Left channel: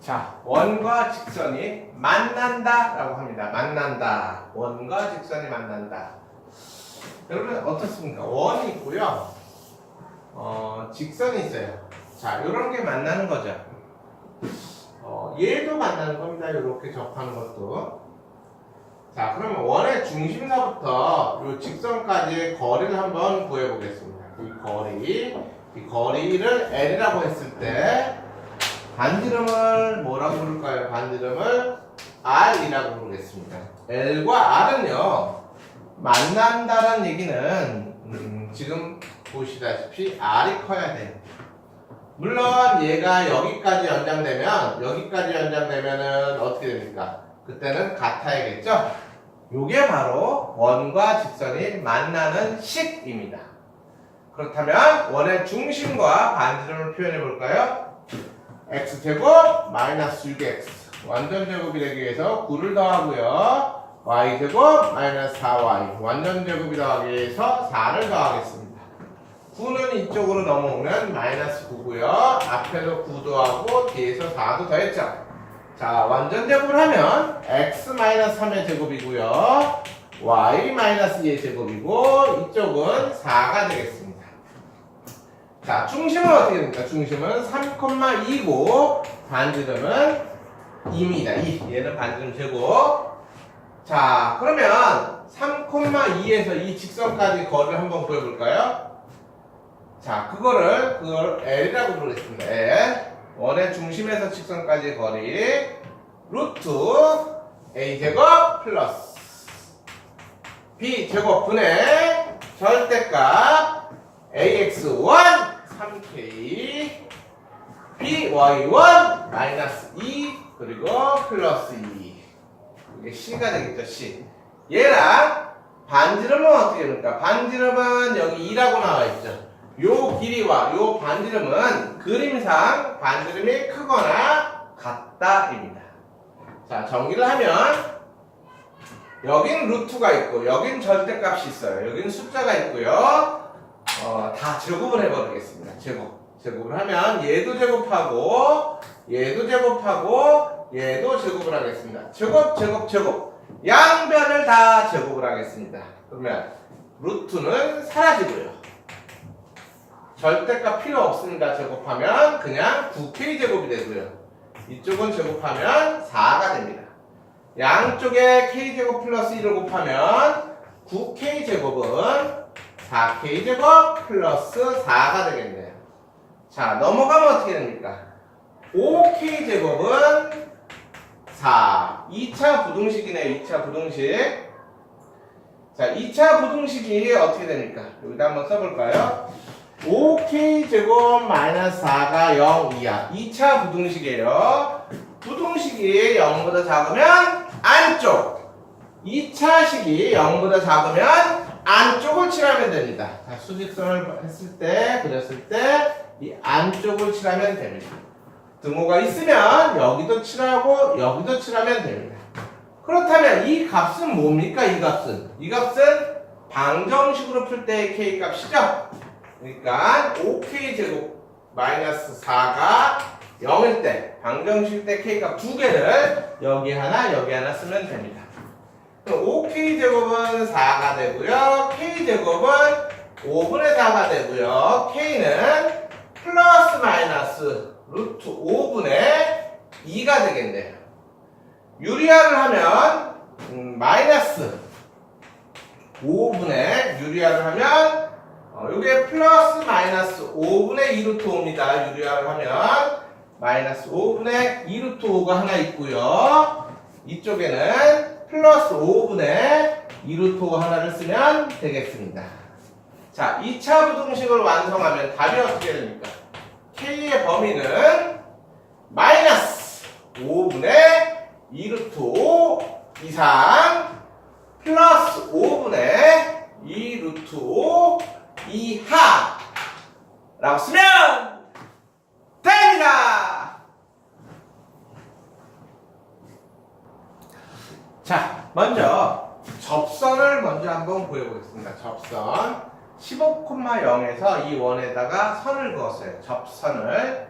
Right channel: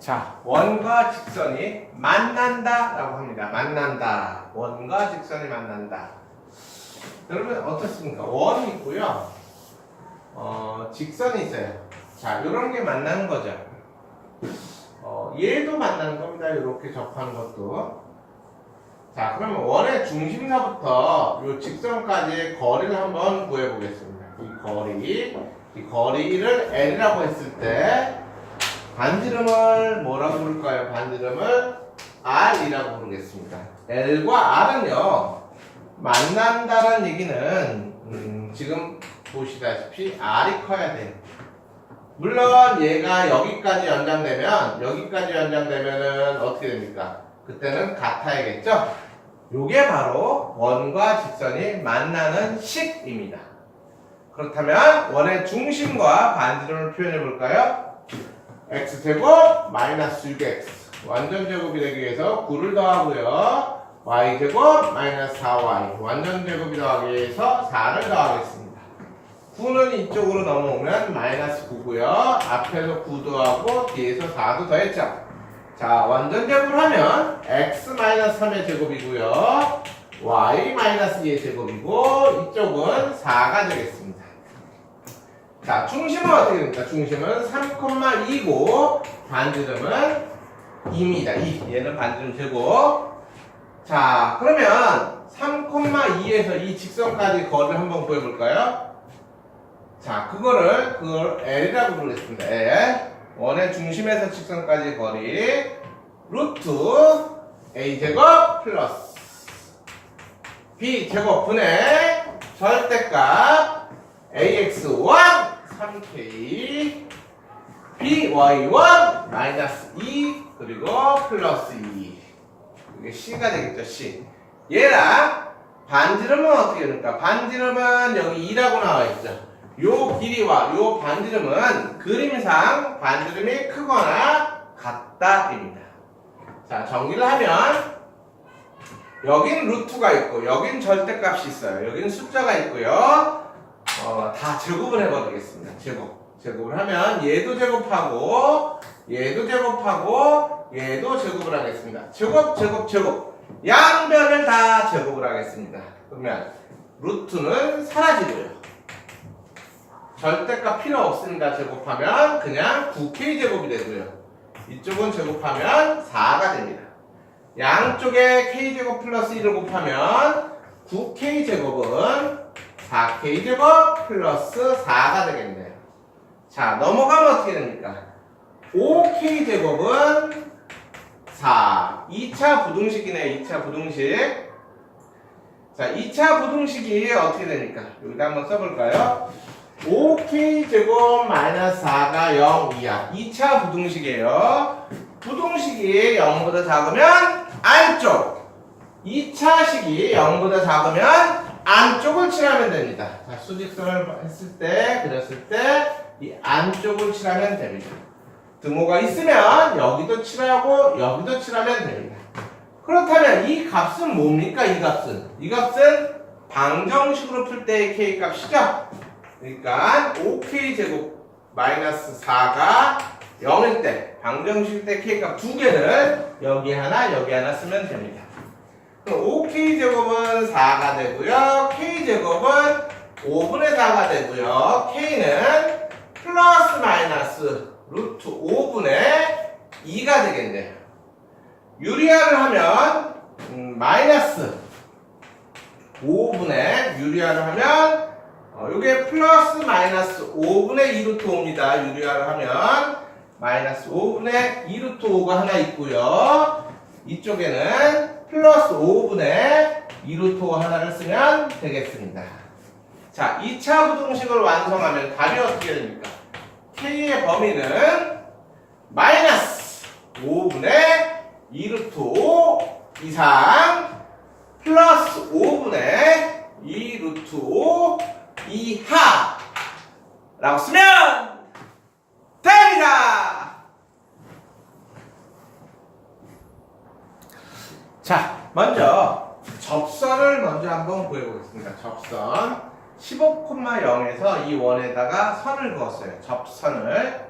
자, 원과 직선이 만난다라고 합니다. 만난다. 원과 직선이 만난다. 여러분 어떻습니까? 원이 있고요. 어, 직선이 있어요. 자, 이런 게 만나는 거죠. 어, 얘도 만나는 겁니다. 이렇게 접하는 것도. 자, 그러면 원의 중심사부터 이 직선까지의 거리를 한번 구해보겠습니다. 이 거리, 이 거리를 L이라고 했을 때 반지름을 뭐라고 부를까요? 반지름을 R이라고 부르겠습니다. L과 R은요 만난다는 얘기는 음, 지금 보시다시피 R이 커야 돼요. 물론 얘가 여기까지 연장되면 여기까지 연장되면은 어떻게 됩니까? 그때는 같아야겠죠? 요게 바로 원과 직선이 만나는 식입니다. 그렇다면 원의 중심과 반지름을 표현해 볼까요? X제곱 마이너스 6x 완전 제곱이 되기 위해서 9를 더하고요. y제곱 마이너스 4y 완전 제곱이 더하기 위해서 4를 더하겠습니다. 9는 이쪽으로 넘어오면 마이너스 9고요. 앞에서 9 더하고 뒤에서 4도 더했죠. 자, 완전 제곱을 하면 x 마이너스 3의 제곱이고요. y 마이너스 2의 제곱이고 이쪽은 4가 되겠습니다. 자, 중심은 어떻게 됩니까? 중심은 3,2고 반지름은 2입니다. 2. 얘는 반지름 제곱. 자, 그러면 3,2에서 이 직선까지 거리를 한번 구해볼까요? 자, 그거를 그걸 L이라고 부르겠습니다. L. 원의 중심에서 직선까지 거리 루트 A 제곱 플러스 B 제곱 분의 절대값 AX1 3K BY1 마이너스 2 그리고 플러스 2 이게 C가 되겠죠 C. 얘랑 반지름은 어떻게 됩니까? 반지름은 여기 2라고 나와 있죠. 요 길이와 요 반지름은 그림상 반지름이 크거나 같다입니다. 자 정리를 하면 여긴 루트가 있고 여긴 절대값이 있어요. 여긴 숫자가 있고요 어, 다 제곱을 해버리겠습니다. 제곱. 제곱을 하면 얘도 제곱하고 얘도 제곱하고 얘도 제곱을 하겠습니다. 제곱, 제곱, 제곱. 양변을 다 제곱을 하겠습니다. 그러면 루트는 사라지고요. 절대값 필요 없으니까 제곱하면 그냥 9k 제곱이 되고요. 이쪽은 제곱하면 4가 됩니다. 양쪽에 k 제곱 플러스 1을 곱하면 9k 제곱은 4k 제곱 플러스 4가 되겠네요. 자, 넘어가면 어떻게 됩니까? 5k 제곱은 4. 2차 부등식이네요. 2차 부등식. 자, 2차 부등식이 어떻게 됩니까? 여기다 한번 써볼까요? 5k 제곱 마이너스 4가 0이야. 2차 부등식이에요. 부등식이 0보다 작으면 안쪽. 2차식이 0보다 작으면 안쪽을 칠하면 됩니다. 자, 수직선을 했을 때, 그렸을 때, 이 안쪽을 칠하면 됩니다. 등호가 있으면 여기도 칠하고 여기도 칠하면 됩니다. 그렇다면 이 값은 뭡니까? 이 값은? 이 값은 방정식으로 풀 때의 k 값이죠? 그러니까 5k 제곱 마이너스 4가 0일 때, 방정식 때 k 값 두 개를 여기 하나, 여기 하나 쓰면 됩니다. 그럼 5k 제곱은 4가 되고요. k 제곱은 5분의 4가 되고요. k는 플러스 마이너스 루트 5분의 2가 되겠네요. 유리화를 하면 음, 마이너스 5분의 유리화를 하면 어, 이게 플러스 마이너스 5분의 2 루트 5입니다. 유리화를 하면 마이너스 5분의 2 루트 5가 하나 있고요. 이쪽에는 플러스 5분의 2 루트 5 하나를 쓰면 되겠습니다. 자, 2차 부등식을 완성하면 답이 어떻게 됩니까? k의 범위는 마이너스 5분의 2 루트 5 이상 플러스 5분의 2 루트 5 이하 라고 쓰면 됩니다. 자, 먼저 접선을 먼저 한번 구해보겠습니다. 접선 15,0에서 이 원에다가 선을 그었어요. 접선을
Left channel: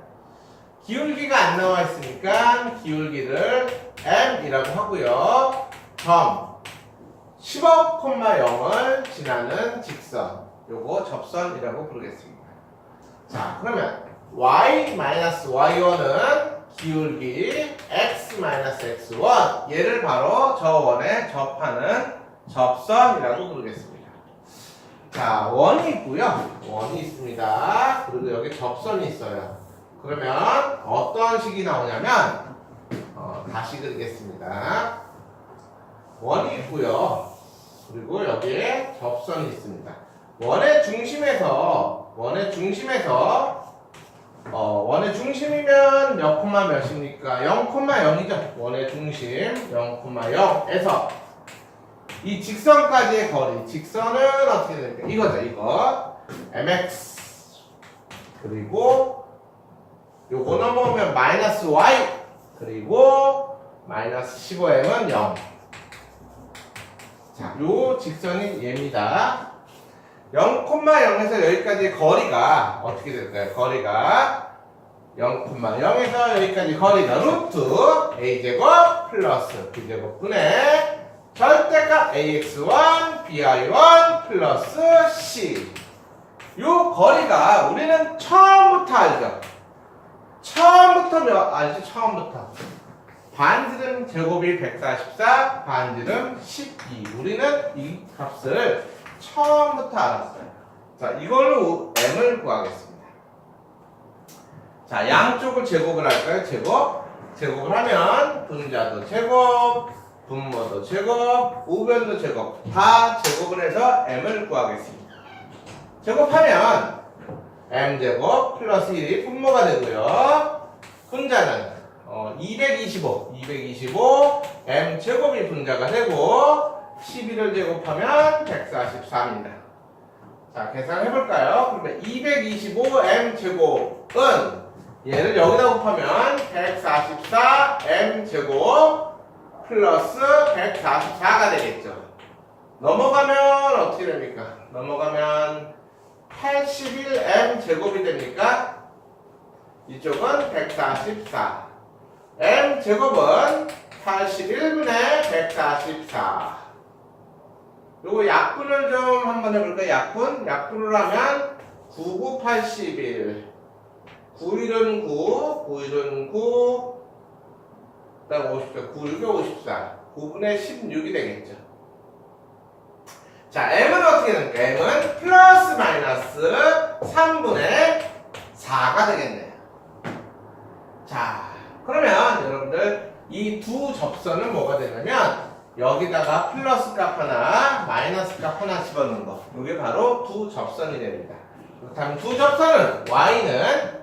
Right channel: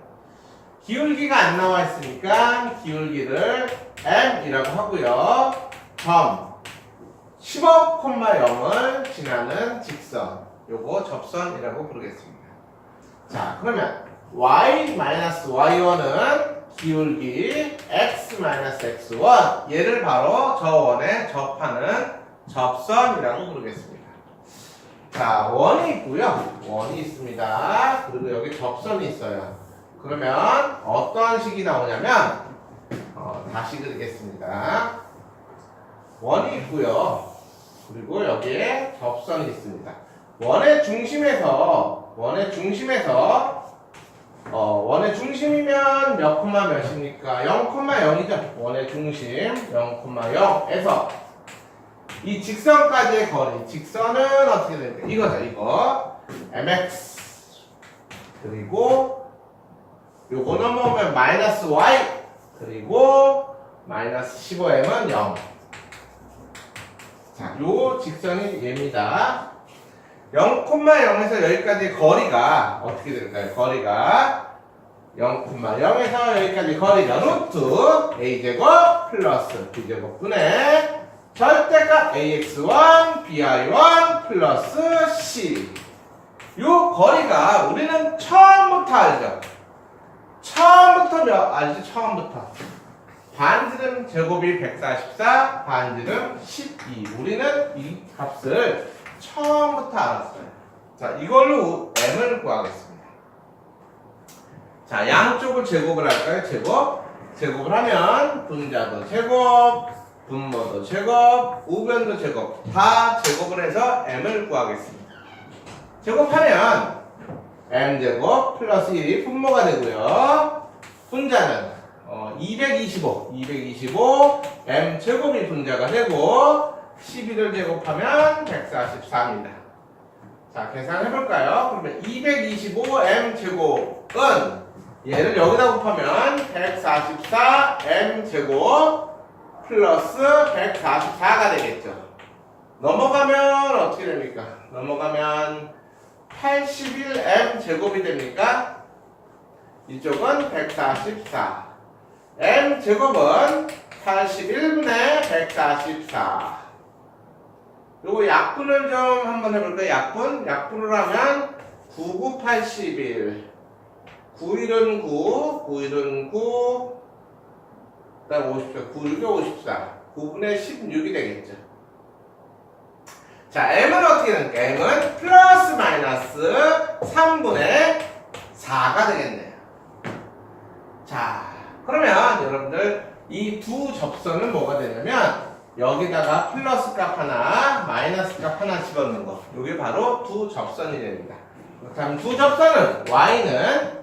기울기가 안 나와 있으니까 기울기를 m이라고 하고요. 점 15,0을 지나는 직선 요거 접선이라고 부르겠습니다. 자 그러면 y-y1은 기울기 x-x1 얘를 바로 저 원에 접하는 접선이라고 부르겠습니다. 자 원이 있고요. 원이 있습니다. 그리고 여기 접선이 있어요. 그러면 어떠한 식이 나오냐면 어, 다시 그리겠습니다. 원이 있고요. 그리고 여기에 접선이 있습니다. 원의 중심에서 원의 중심에서 어, 원의 중심이면 몇 콤마 몇입니까? 0,0이죠. 원의 중심 0,0에서 이 직선까지의 거리, 직선은 어떻게 됩니까? 이거죠, 이거. mx 그리고 요거 넘어오면 마이너스 y 그리고 마이너스 15m은 0. 자, 요 직선이 얘입니다. 0,0에서 여기까지 거리가 어떻게 될까요? 거리가 0,0에서 여기까지 거리가 루트 a제곱 플러스 b제곱분의 절대값 ax1 bi1 플러스 c 요 거리가 우리는 처음부터 알죠? 처음부터 몇 알지? 처음부터 반지름 제곱이 144, 반지름 12. 우리는 이 값을 처음부터 알았어요. 자, 이걸로 m을 구하겠습니다. 자, 양쪽을 제곱을 할까요? 제곱. 제곱을 하면 분자도 제곱, 분모도 제곱, 우변도 제곱. 다 제곱을 해서 m을 구하겠습니다. 제곱하면 m제곱 플러스 1이 분모가 되고요. 분자는 어, 225, 225 m 제곱이 분자가 되고 12를 제곱하면 143입니다. 자, 계산해 볼까요? 그러면 225 m 제곱은 얘를 여기다 곱하면 144 m 제곱 플러스 144가 되겠죠. 넘어가면 어떻게 됩니까? 넘어가면 81 m 제곱이 됩니까? 이쪽은 144. m 제곱은 81분의 144. 요거 약분을 좀 한번 해볼까요? 약분? 약분을 하면 9981. 91은 9, 91은 9, 그 다음 54, 96이 54. 9분의 16이 되겠죠. 자, m은 어떻게 됩니까? m은 플러스 마이너스 3분의 4가 되겠네요. 자, 그러면 여러분들 이 두 접선은 뭐가 되냐면 여기다가 플러스 값 하나, 마이너스 값 하나 집어넣는 거. 이게 바로 두 접선이 됩니다. 그렇다면 두 접선은 y는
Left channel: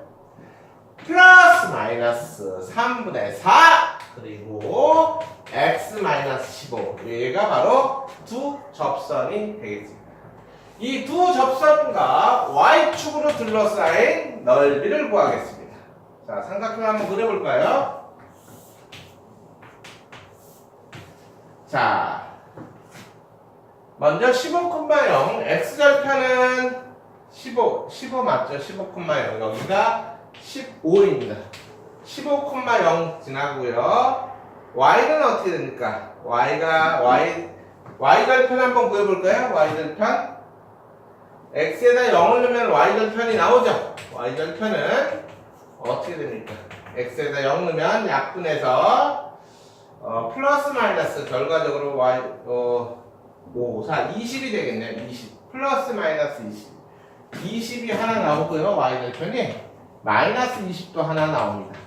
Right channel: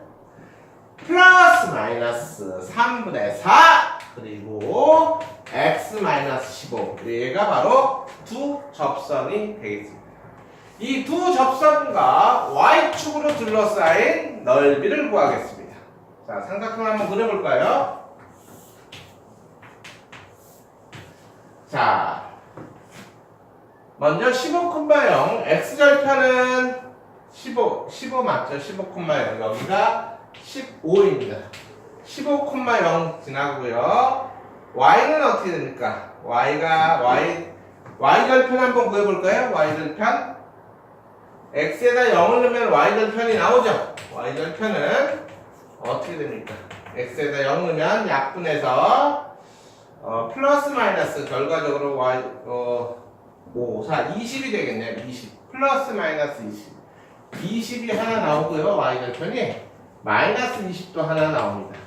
플러스 마이너스 3분의 4 그리고 x 마이너스 15 얘가 바로 두 접선이 되겠습니다. 이 두 접선과 y축으로 둘러싸인 넓이를 구하겠습니다. 자, 삼각형 한번 그려볼까요? 자, 먼저 15,0 x절편은 15, 15 맞죠? 15,0 여기가 15입니다. 15,0 지나고요. y는 어떻게 됩니까? y가 y y절편 한번 구해볼까요? y절편 x에다 0을 넣으면 y절편이 나오죠. y절편은 어떻게 됩니까? x에다 0 넣으면 약분해서 어, 플러스 마이너스 결과적으로 y 어, 5, 4, 20이 되겠네요. 20 플러스 마이너스 20 20이 하나 나오고요. y절편이 마이너스 20도 하나 나옵니다.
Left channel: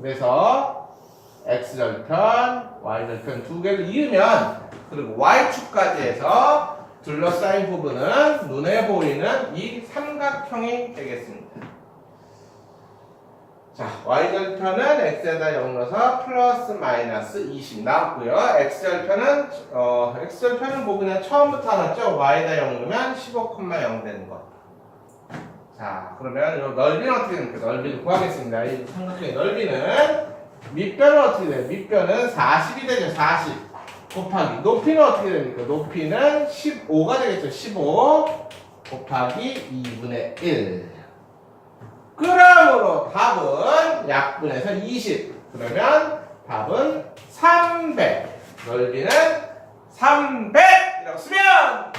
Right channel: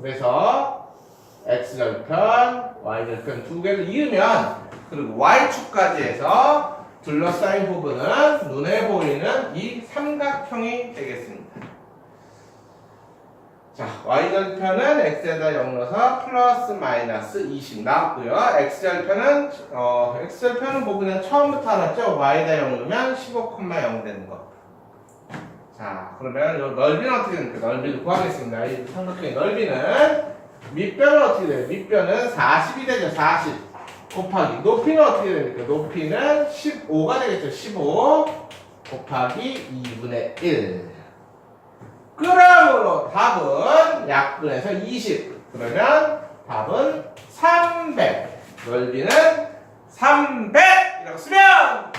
그래서 x절편, y절편 두 개를 이으면 그리고 y축까지 해서 둘러싸인 부분은 눈에 보이는 이 삼각형이 되겠습니다. 자, y절편은 x에다 0 넣어서 플러스 마이너스 20 나왔고요. x절편은 어, x절편은 뭐 그냥 처음부터 알았죠? y에다 0 넣으면 15,0 되는 거. 자, 그러면 요 넓이는 어떻게 됩니까? 넓이를 구하겠습니다. 이 삼각형의 넓이는 밑변은 어떻게 돼요? 밑변은 40이 되죠. 40 곱하기 높이는 어떻게 됩니까? 높이는 15가 되겠죠. 15 곱하기 2분의 1. 그러므로 답 답은 약분해서 20. 그러면 답은 300. 넓이는 300이라고 쓰면